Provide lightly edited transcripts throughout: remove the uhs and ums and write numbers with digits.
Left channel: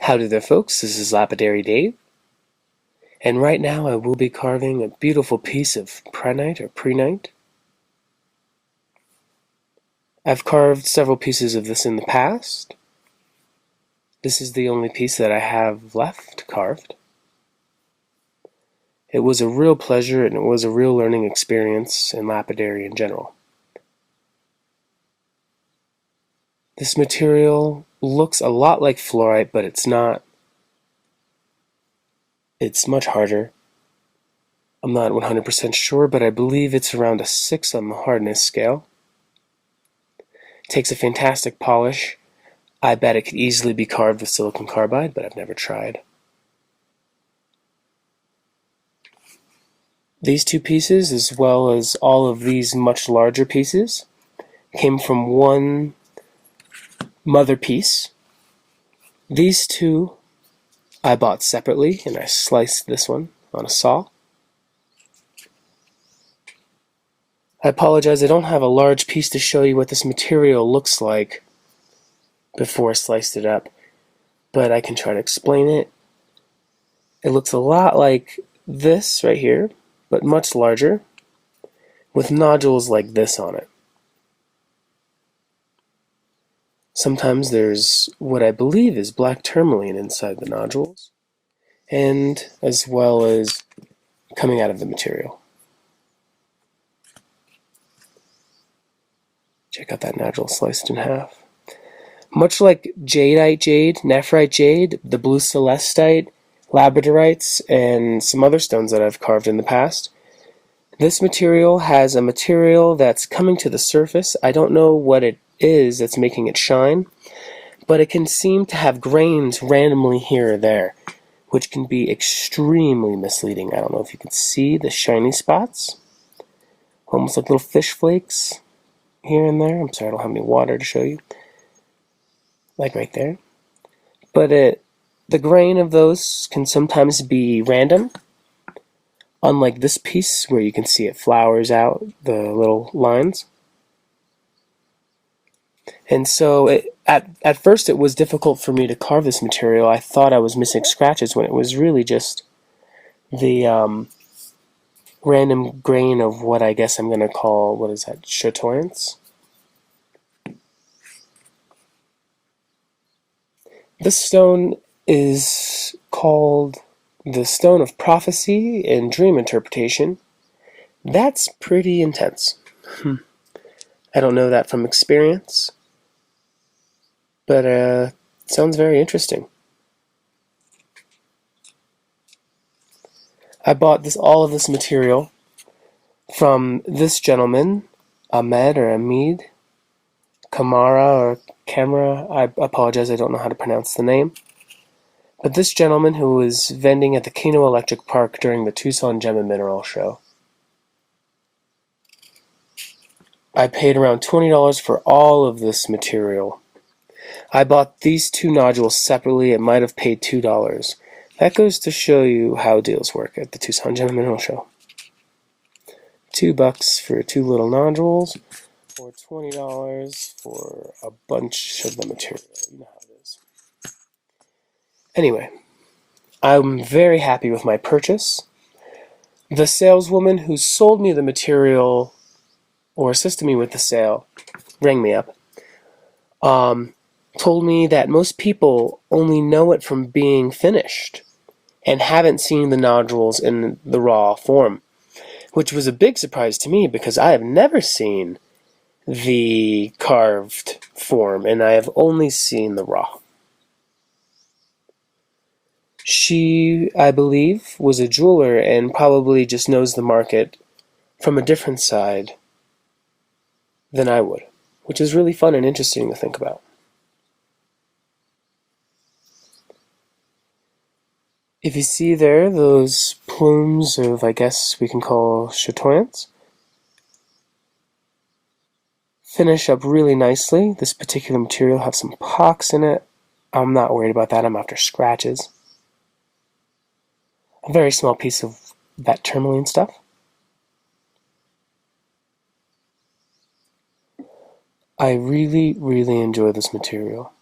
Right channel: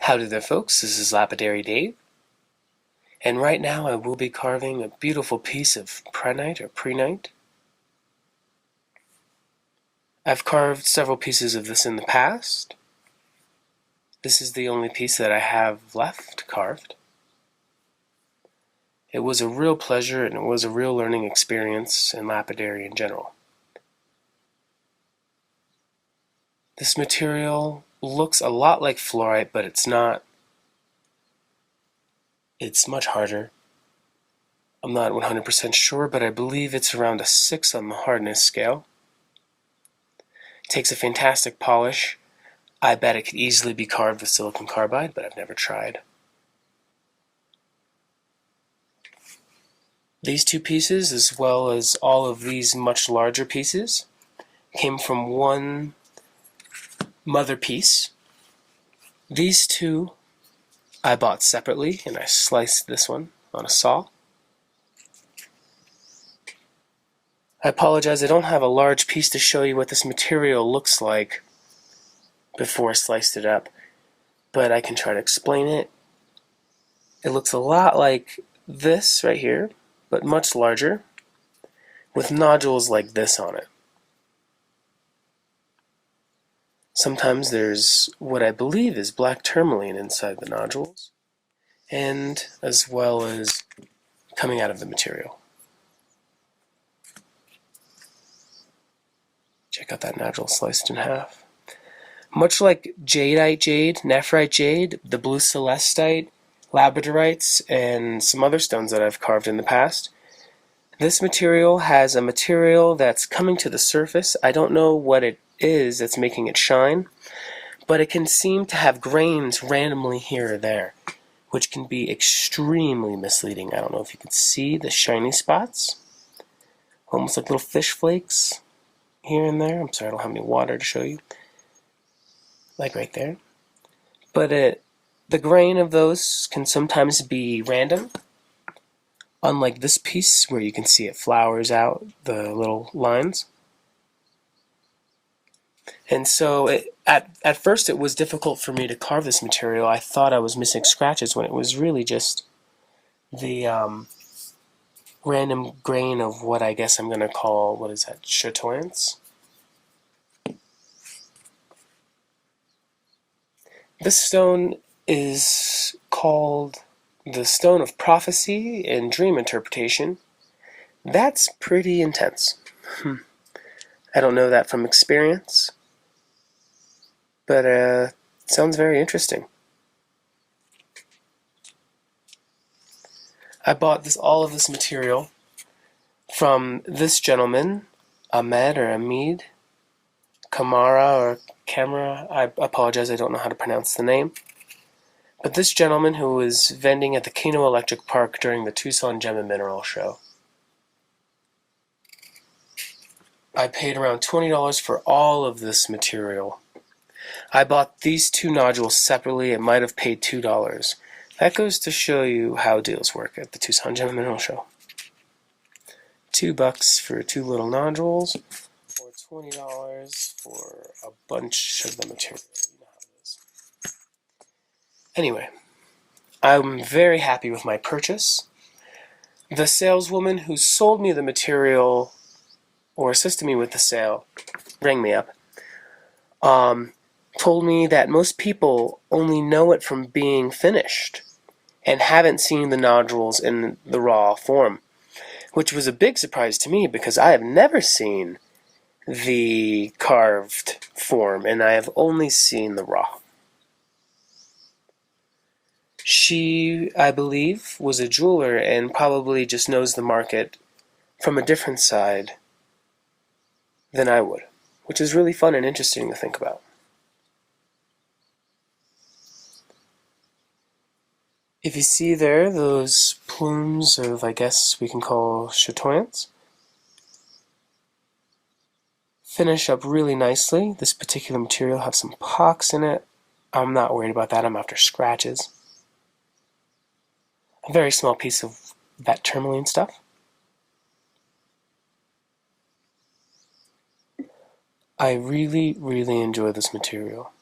Howdy there, folks. This is Lapidary Dave, and right now I will be carving a beautiful piece of prehnite. I've carved several pieces of this in the past. This is the only piece that I have left carved. It was a real pleasure and it was a real learning experience in lapidary in general. This material looks a lot like fluorite, but it's not. It's much harder. I'm not 100% sure, but I believe it's around a 6 on the hardness scale. It takes a fantastic polish. I bet it could easily be carved with silicon carbide, but I've never tried. These two pieces, as well as all of these much larger pieces, came from one mother piece. These two I bought separately, and I sliced this one on a saw. I apologize, I don't have a large piece to show you what this material looks like before I sliced it up, but I can try to explain it. It looks a lot like this right here, but much larger, with nodules like this on it. Sometimes there's what I believe is black tourmaline inside the nodules, and as well as coming out of the material. Check out that nodule sliced in half. Much like jadeite jade, nephrite jade, the blue celestite, labradorites, and some other stones that I've carved in the past, this material has a material that's coming to the surface. I don't know what it is that's making it shine, but it can seem to have grains randomly here or there, which can be extremely misleading. I don't know if you can see the shiny spots, almost like little fish flakes here and there. I'm sorry, I don't have any water to show you, like right there. But the grain of those can sometimes be random, unlike this piece where you can see it flowers out the little lines. And so at first it was difficult for me to carve this material. I thought I was missing scratches when it was really just the random grain of what I guess I'm going to call, what is that, chatoyance? This stone is called the Stone of Prophecy and Dream Interpretation. That's pretty intense. I don't know that from experience, but it sounds very interesting. I bought all of this material from this gentleman, Ahmed Kamara or Camera. I apologize, I don't know how to pronounce the name. But this gentleman who was vending at the Kino Electric Park during the Tucson Gem&Mineral show. I paid around $20 for all of this material. I bought these two nodules separately. It might have paid $2. That goes to show you how deals work at the Tucson Gem&Mineral show. $2 for two little nodules, or $20 for a bunch of the material. You know how it is. Anyway, I'm very happy with my purchase. The saleswoman who sold me the material or assisted me with the sale rang me up. Told me that most people only know it from being finished and haven't seen the nodules in the raw form, which was a big surprise to me because I have never seen the carved form and I have only seen the raw. She, I believe, was a jeweler and probably just knows the market from a different side than I would, which is really fun and interesting to think about. If you see there those plumes of, I guess we can call chatoyance, finish up really nicely. This particular material has some pocks in it. I'm not worried about that. I'm after scratches. A very small piece of that tourmaline stuff. I really, really enjoy this material.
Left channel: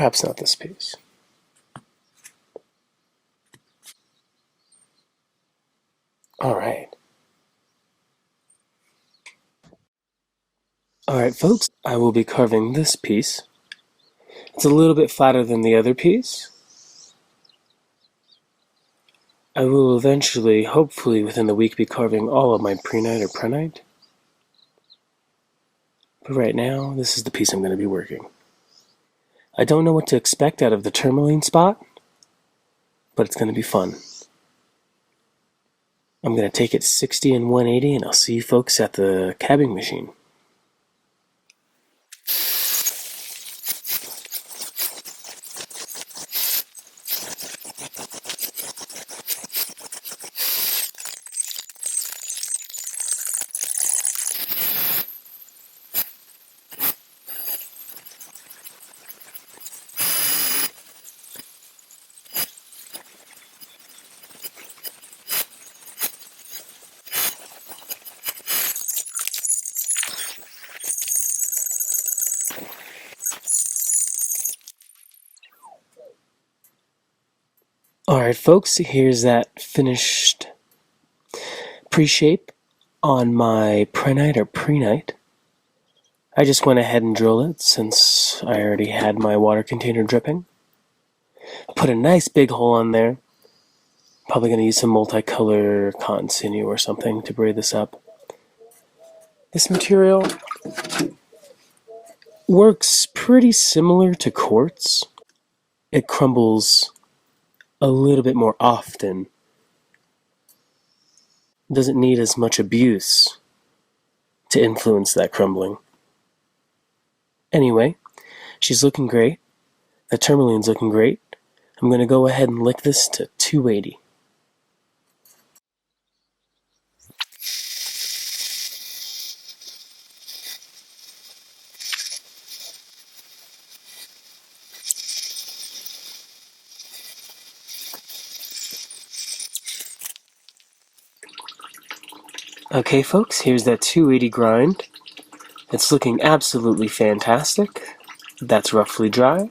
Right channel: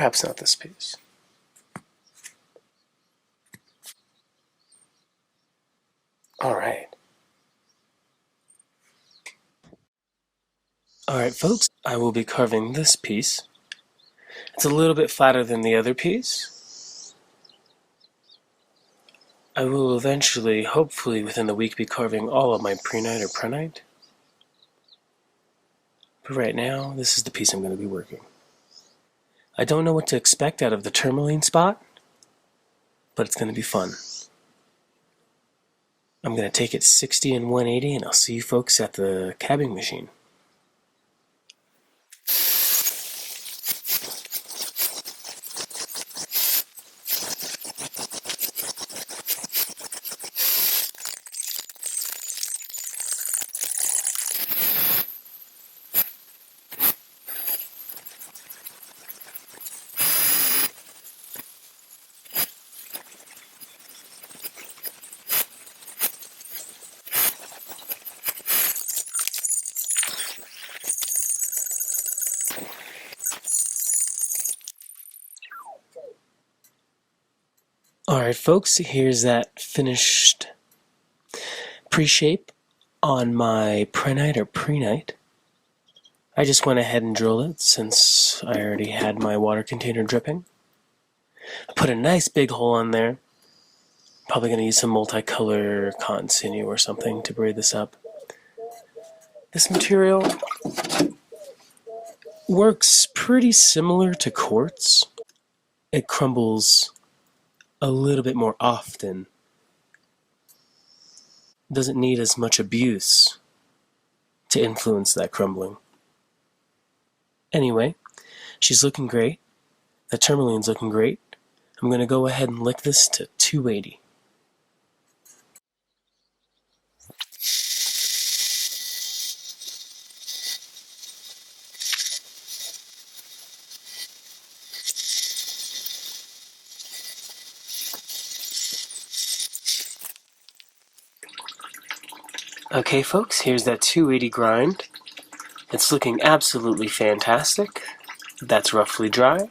Perhaps not this piece. Alright. Alright folks, I will be carving this piece. It's a little bit flatter than the other piece. I will eventually, hopefully within the week, be carving all of my prehnite or prehnite. But right now, this is the piece I'm going to be working. I don't know what to expect out of the tourmaline spot, but it's going to be fun. I'm going to take it 60 and 180, and I'll see you folks at the cabbing machine. Alright folks, here's that finished pre-shape on my prehnite or prehnite. I just went ahead and drilled it since I already had my water container dripping. I put a nice big hole on there. Probably going to use some multicolor cotton sinew or something to braid this up. This material works pretty similar to quartz. It crumbles a little bit more often. Doesn't need as much abuse to influence that crumbling. Anyway, she's looking great. The tourmaline's looking great. I'm going to go ahead and lick this to 280. Okay folks, here's that 280 grind. It's looking absolutely fantastic. That's roughly dry.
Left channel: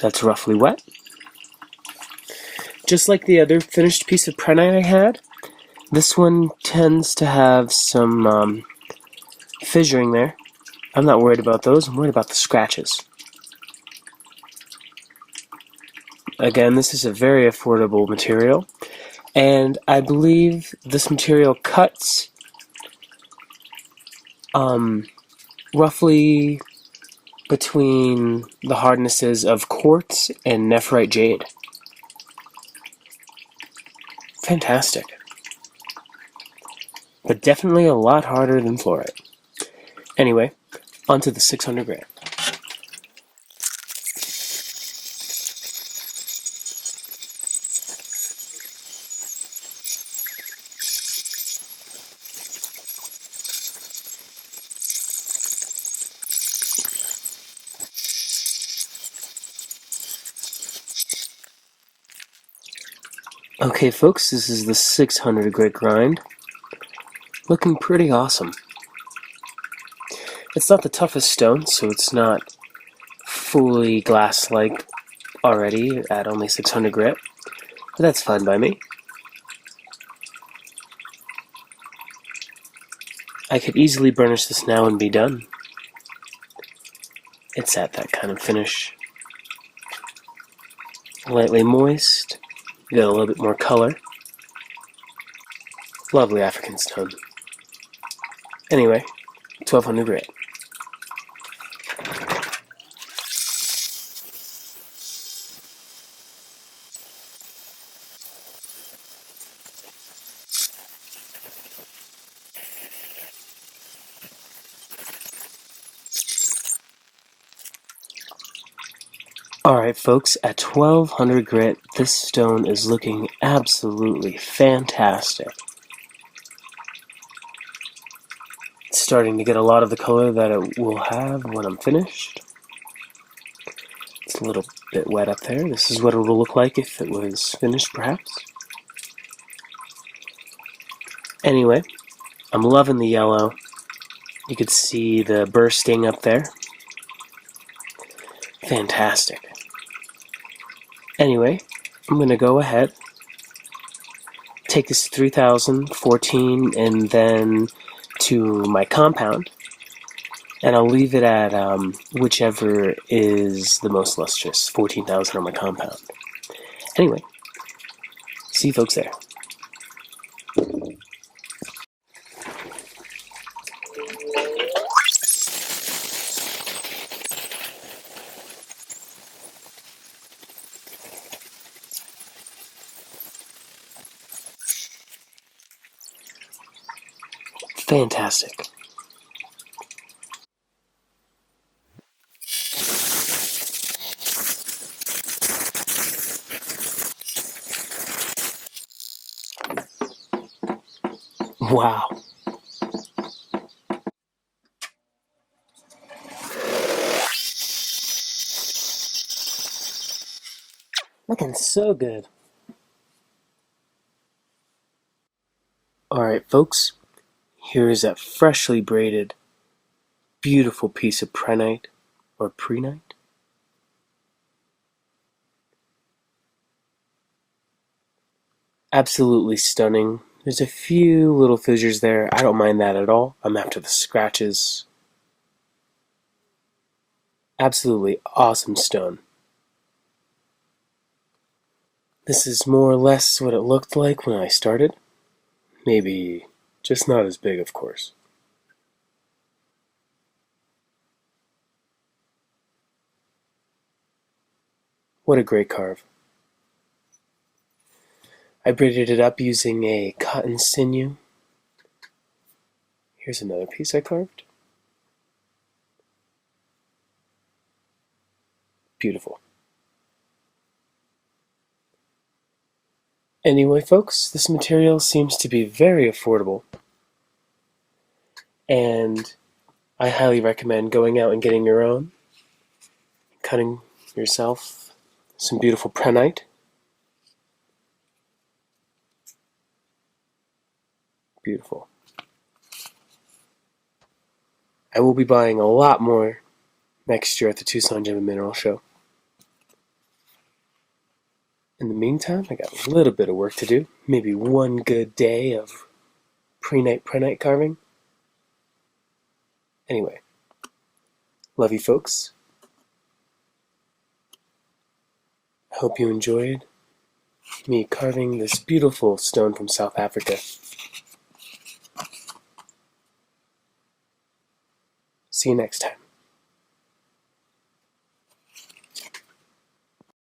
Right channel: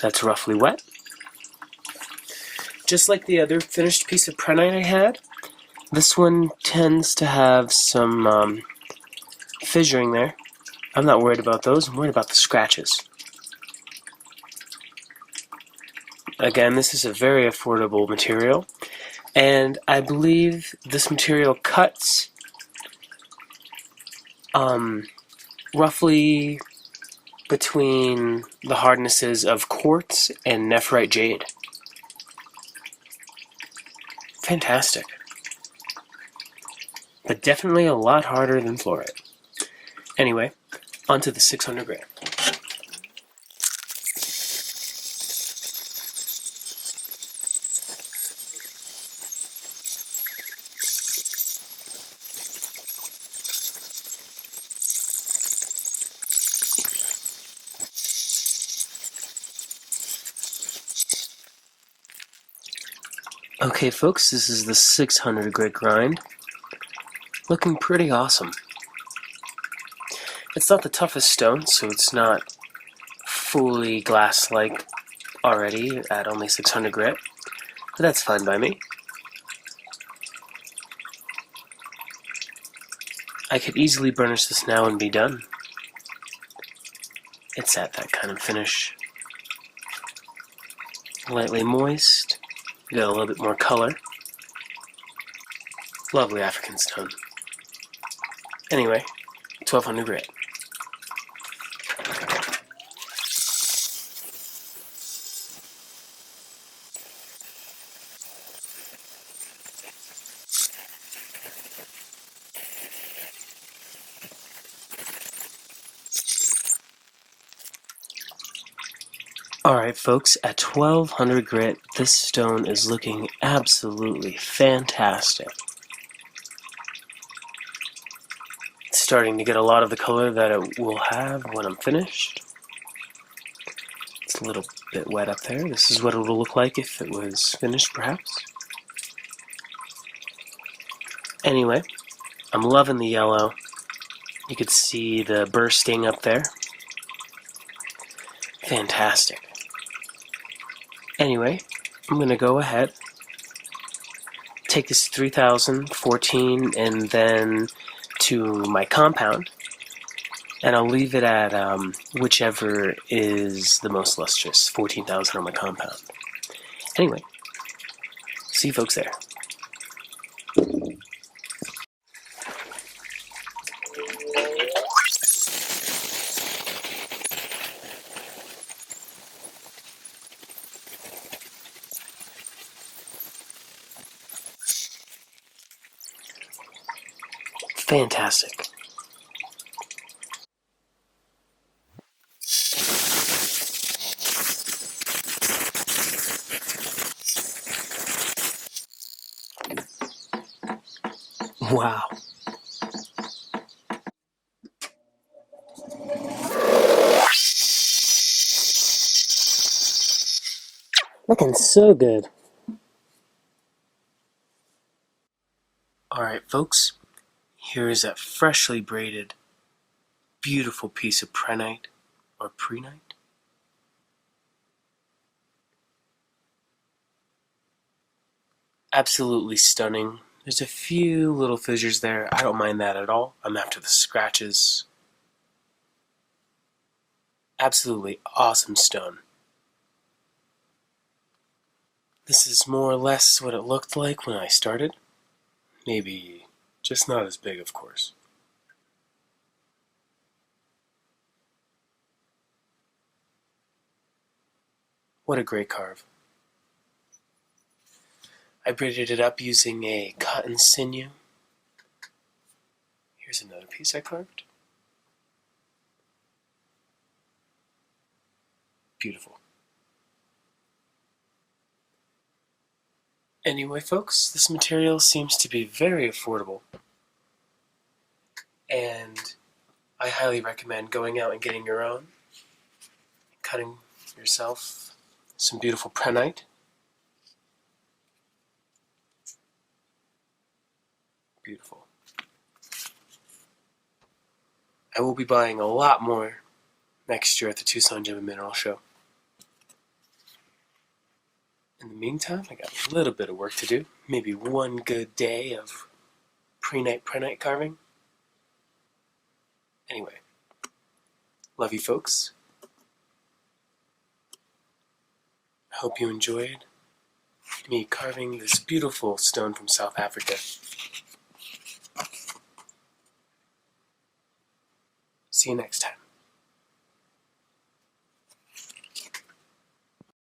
That's roughly wet. Just like the other finished piece of prehnite I had, this one tends to have some fissuring there. I'm not worried about those, I'm worried about the scratches. Again, this is a very affordable material, and I believe this material cuts roughly between the hardnesses of quartz and nephrite jade. Fantastic. But definitely a lot harder than fluorite. Anyway, onto the 600 gram. Okay folks, this is the 600 grit grind. Looking pretty awesome. It's not the toughest stone, so it's not fully glass-like already at only 600 grit, but that's fine by me. I could easily burnish this now and be done. It's at that kind of finish. Lightly moist, got a little bit more color. Lovely African stone. Anyway, 1200 grit. Alright folks, at 1200 grit, this stone is looking absolutely fantastic. It's starting to get a lot of the color that it will have when I'm finished. It's a little bit wet up there. This is what it will look like if it was finished, perhaps. Anyway, I'm loving the yellow. You could see the bursting up there. Fantastic. Anyway, I'm going to go ahead, take this 3014 and then to my compound, and I'll leave it at whichever is the most lustrous, 14,000 on my compound. Anyway, see you folks there. Fantastic. Wow. Looking so good. Alright folks, here is a freshly braided, beautiful piece of prehnite, or prehnite. Absolutely stunning. There's a few little fissures there. I don't mind that at all. I'm after the scratches. Absolutely awesome stone. This is more or less what it looked like when I started. Maybe just not as big, of course. What a great carve. I braided it up using a cotton sinew. Here's another piece I carved. Beautiful. Anyway, folks, this material seems to be very affordable, and I highly recommend going out and getting your own, cutting yourself some beautiful prehnite. Beautiful. I will be buying a lot more next year at the Tucson Gem and Mineral Show. In the meantime, I got a little bit of work to do. Maybe one good day of prehnite carving. Anyway, love you folks. I hope you enjoyed me carving this beautiful stone from South Africa. See you next time.